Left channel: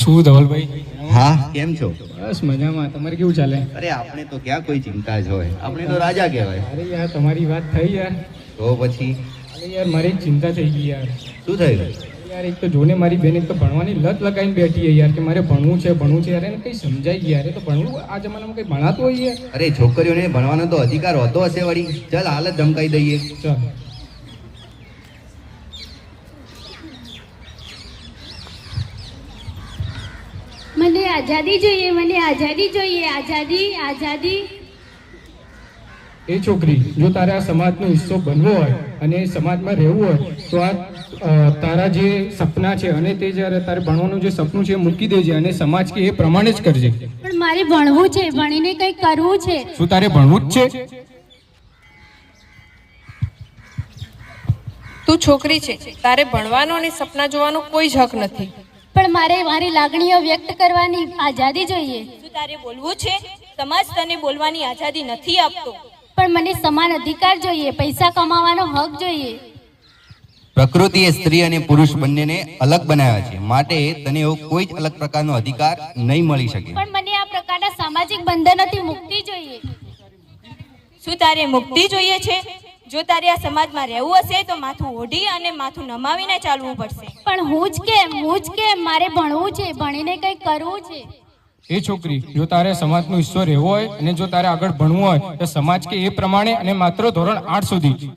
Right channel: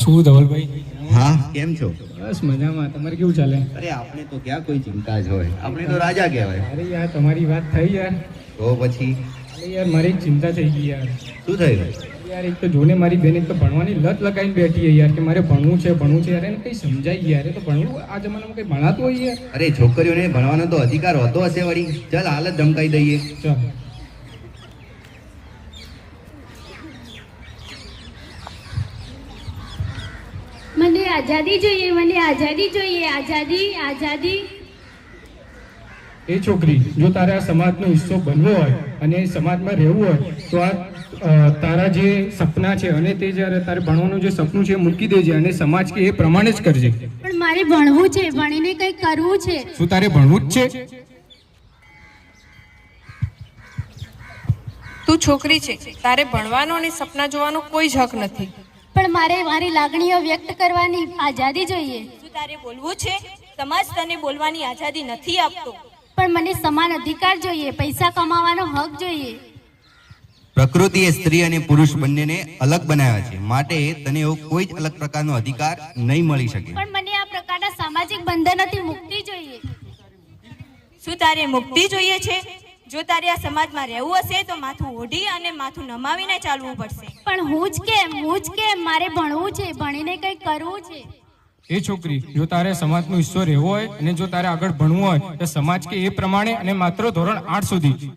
શું ધવલભાઈ? હા, કેમ છો? બસ મજામાં. તમારે કેવું ચાલે? અરે આપણે તો ક્યાં કોઈ ચિંતા જ હોય, આપણે તો રાજા કહેવાય. અરે યાર તમારી વાત થઈ યાર. તો પછી અરે યાર મારી એક ચિંતા થઈ ગઈ યાર. શું થયું? યાર એક તો જોને મારી બેન એક તો ભણવાની લત લગાવીને બેઠી છે યાર, કે મારે ભણવું છે યાર. એને કંઈ સમજાય યાર. એ તો ભણવું આ જમાનામાં કંઈ ભણાતું હોય યાર. અરે છોકરીઓને ભણવાનો તો અધિકાર હોતો હશે વળી. ચાલ હાલ જ ધમકાઈ દઈએ. ચાલ. મને આઝાદી જોઈએ, મને આઝાદી જોઈએ, આઝાદી આઝાદી. એ છોકરી, જો તારે આ સમાજનો હિસ્સો બનવો હોય અને સમાજમાં રહેવું હોય તો આ તારા જે સપના છે અને તે જ્યારે તારે ભણવાનું જે સપનું છે એ મૂકી દેજે અને સમાજ કે એ પ્રમાણે જ કરજે. પણ મારે ભણવું છે, ભણીને કંઈક કરવું છે. શું તારે ભણવું જ છે? તું છોકરી છે, તારે ભણવાનો અને સપના જોવાનો કોઈ જ હક નથી. પણ મારે મારી લાગણીઓ વ્યક્ત કરવાની આઝાદી જોઈએ. શું તારે બોલવું છે? સમાજ તને બોલવાની આઝાદી નથી આપતો. પણ મને સમાન અધિકાર જોઈએ, પૈસા કમાવાનો હક જોઈએ. પ્રકૃતિએ સ્ત્રી અને પુરુષ બંનેને અલગ બનાવ્યા છે, માટે તને એવો કોઈ જ અલગ પ્રકારનો અધિકાર નહીં મળી શકે. પણ મને આ પ્રકારના સામાજિક બંધનોથી મુક્તિ જોઈએ. શું તારે મુક્તિ જોઈએ છે? જો તારે આ સમાજમાં રહેવું હશે તો માથું ઓઢી અને માથું નમાવીને ચાલવું પડશે. પણ હું જ કેમ મારે ભણવું છે, ભણીને કંઈક કરવું છે. એ છોકરી, જો તારે સમાજનો હિસ્સો રહેવો હોય અને જો તારે આગળ ભણવું હોય તો સમાજ કે એ પ્રમાણે અને માત્ર ધોરણ 8 સુધી.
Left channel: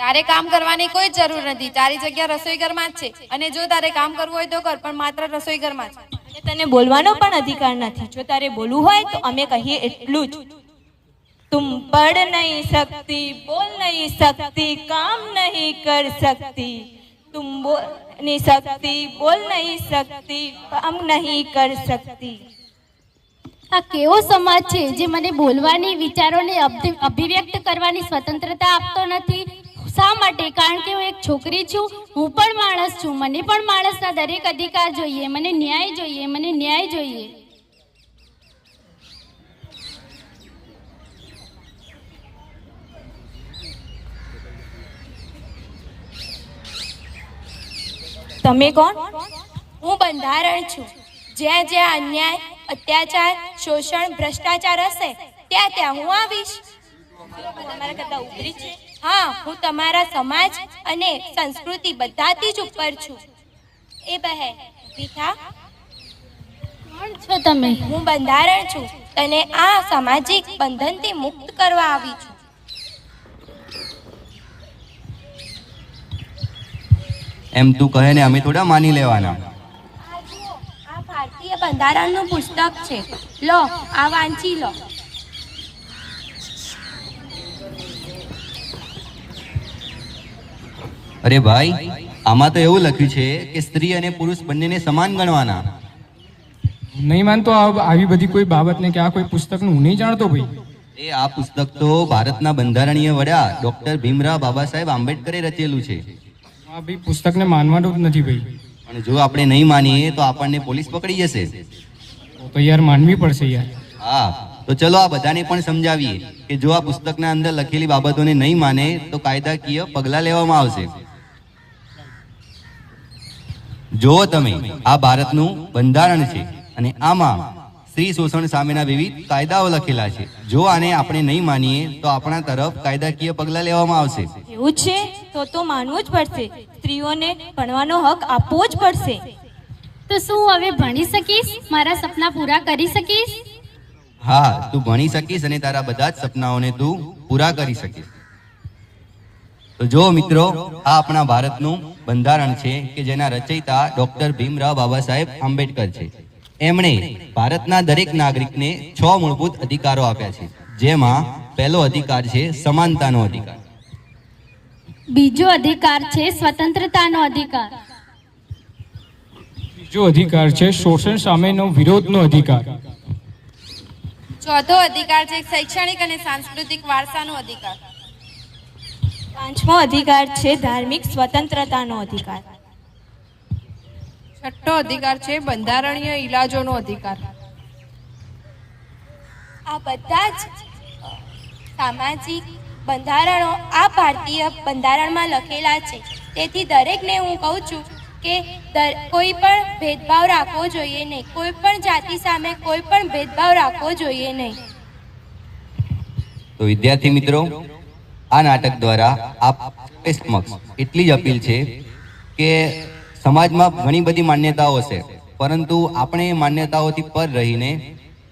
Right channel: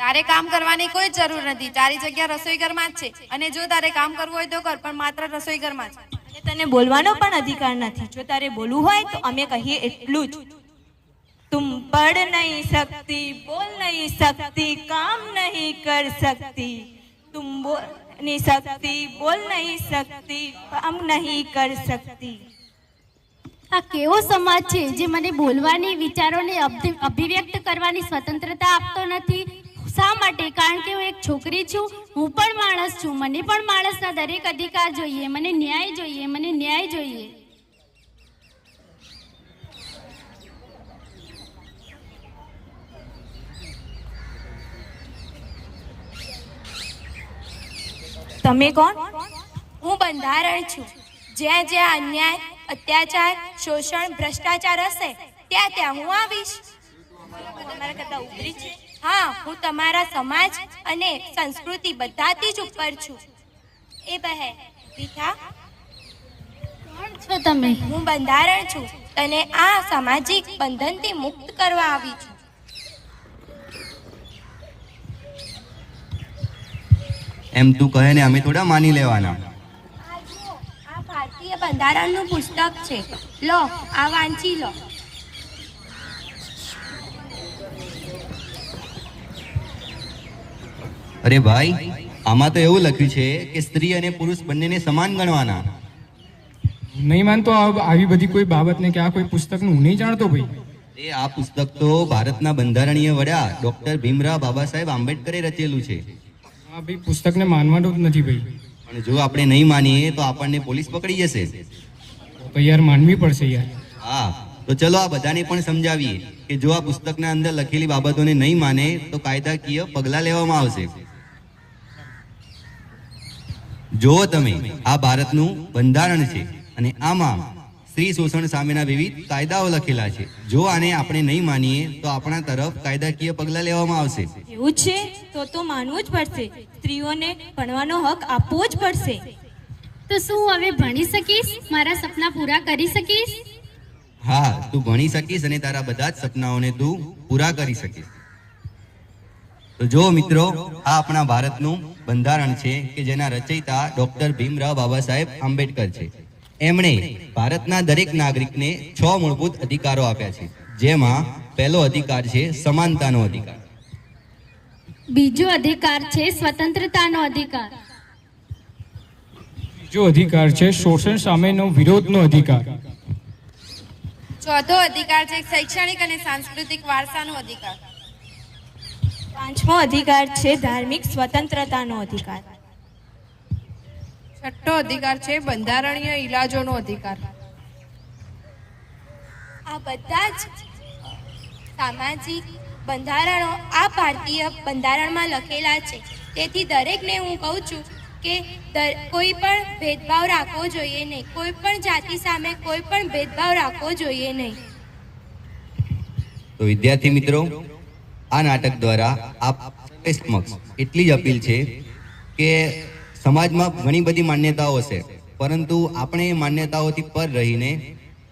તારે કામ કરવાની કોઈ જરૂર નથી. તારી જગ્યા રસોઈ ઘરમાં જ છે અને જો તારે કામ કરવું હોય તો કર, પણ માત્ર રસોઈ ઘરમાં જ. અને તને બોલવાનો પણ અધિકાર નથી. જો તારે બોલવું હોય તો અમે કહીએ એટલું જ. तुम पढ़ नहीं सकती, बोल नहीं सकती, काम नहीं कर सकती. तुम बोल नहीं सकती, बोल नहीं सकती, काम नहीं कर सकती. આ કેવો સમાજ છે જે મને બોલવાની, વિચારોને અભિવ્યક્ત કરવાની સ્વતંત્રતા આપતો નથી? શા માટે? કારણ કે હું એક છોકરી છું, હું પણ માણસ છું. મને પણ માણસના દરેક અધિકાર જોઈએ. મને ન્યાય જોઈએ, મને ન્યાય જોઈએ. તમે કોણ? હું બંધારણ છું. જ્યાં જ્યાં અન્યાય, અત્યાચાર, શોષણ, ભ્રષ્ટાચાર હશે ત્યાં ત્યાં હું આવીશ. તમારા કરતા ઉતરી છે? હા, હું તમારા સમાજ અને સંસ્કૃતિ બધાથી જ ઉપર છું. એ બહેન ઊભી થા. કોણ છો તમે? હું બંધારણ છું. તને આ સામાજિક બંધનથી મુક્ત કરવા આવી છું. એમ તું કહે ને અમે થોડા માની લેવાના. આ જુઓ, આ ભારતીય બંધારણનું પુસ્તક છે. લો, આ વાંચી લો. અરે ભાઈ, આમાં તો એવું લખ્યું છે કે સ્ત્રી અને પુરુષ બંનેને સમાન ગણવાના. નહીં માનતો આવી બધી કોઈ બાબતને કે આ કોઈ પુસ્તકનું હું નહીં જાણતો ભાઈ. આ પુસ્તક તો ભારતના બંધારણીય વડા ડોક્ટર ભીમરાવ બાબા સાહેબ આંબેડકરે રચેલું છે. આ ભાઈ પુસ્તકને માનવાનું જ નથી ભાઈ. પણ જો આપણે નહીં માનીએ તો આપણને પોલીસ પકડી જશે. તો યાર માનવી પડશે યાર. હા, તો ચલો આ બધાને પણ સમજાવીએ કે જો આ પુસ્તકના અંદર લખેલી બાબતોને નહીં માને તો કાયદાકીય પગલાં લેવામાં આવશે. જો તમે, આ ભારતનું બંધારણ છે અને આમાં સ્ત્રી શોષણ સામેના વિવિધ કાયદાઓ લખેલા છે. જો આને આપણે નહીં માનીએ તો આપણા તરફ કાયદાકીય પગલાં લેવામાં આવશે. એવું છે? તો માનવું જ પડશે. સ્ત્રીઓને ભણવાનો હક આપવો જ પડશે. તો શું હવે ભણી શકીશ? મારા સપના પૂરા કરી શકીશ? હા, તું ભણી શકીશ અને તારા બધા જ સપનાઓને તું પૂરા કરી શકીશ. તો જો મિત્રો, આ આપણા ભારતનું બંધારણ છે કે જેના રચયિતા ડોક્ટર ભીમરાવ બાબા સાહેબ આંબેડકર છે. એમણે ભારતના દરેક નાગરિકને 6 મૂળભૂત અધિકારો આપ્યા છે, જેમાં પહેલો અધિકાર છે સમાનતાનો અધિકાર. બીજો અધિકાર છે સ્વતંત્રતાનો અધિકાર. બીજો અધિકાર છે શોષણ સામેનો વિરોધનો અધિકાર. ચોથો અધિકાર છે શૈક્ષણિક અને સાંસ્કૃતિક વારસાનો અધિકાર. પાંચમો અધિકાર છે ધાર્મિક સ્વતંત્રતાનો અધિકાર. છઠ્ઠો અધિકાર છે બંધારણીય ઇલાજોનો અધિકાર. આ બધા જ સામાજિક બંધારણો આ ભારતીય બંધારણમાં લખેલા છે. તેથી દરેકને હું કહું છું કે કોઈ પણ ભેદભાવ રાખવો જોઈએ નહીં, કોઈ પણ જાતિ સામે કોઈ પણ ભેદભાવ રાખવો જોઈએ નહીં. તો વિદ્યાર્થી મિત્રો, આ નાટક દ્વારા આપ સર્વે સમક્ષ એટલી જ અપીલ છે કે સમાજમાં ઘણી બધી માન્યતાઓ છે, પરંતુ આપણે એ માન્યતાઓથી પર રહીને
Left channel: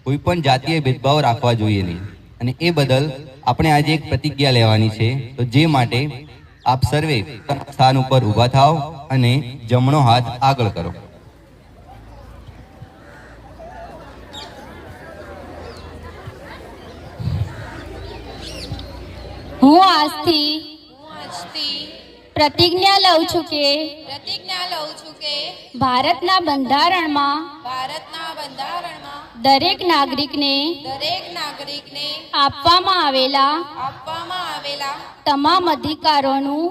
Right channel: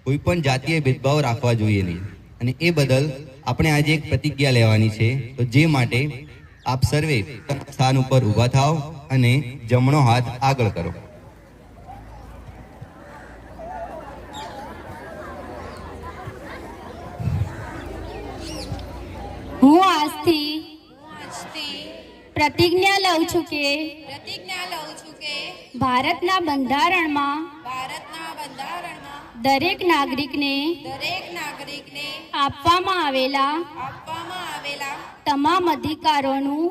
કોઈ પણ જાતીય ભેદભાવ રાખવા જોઈએ નહીં. અને એ બદલ આપણે આજે એક પ્રતિજ્ઞા લેવાની છે. તો જે માટે આપ સર્વે પોતાના સ્થાન ઉપર ઊભા થાઓ અને જમણો હાથ આગળ કરો. હું આજથી પ્રતિજ્ઞા લઉં છું કે ભારતના બંધારણમાં દરેક નાગરિકને આપવામાં આવેલા તમામ અધિકારોનું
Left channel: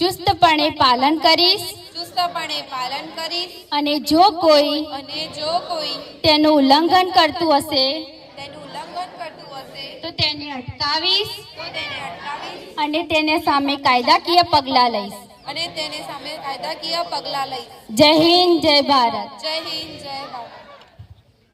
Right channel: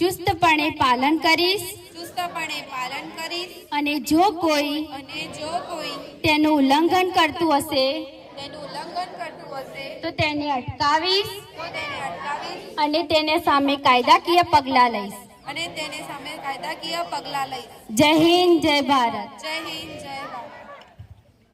ચુસ્તપણે પાલન કરીશ અને જો કોઈ તેનું ઉલ્લંઘન કરતું હશે તો તેને અટકાવીશ અને તેને સામે કાયદાકીય પગલાં લઈશ. જય હિન્દ, જય ભારત. જય હિન્દ, જય ભારત.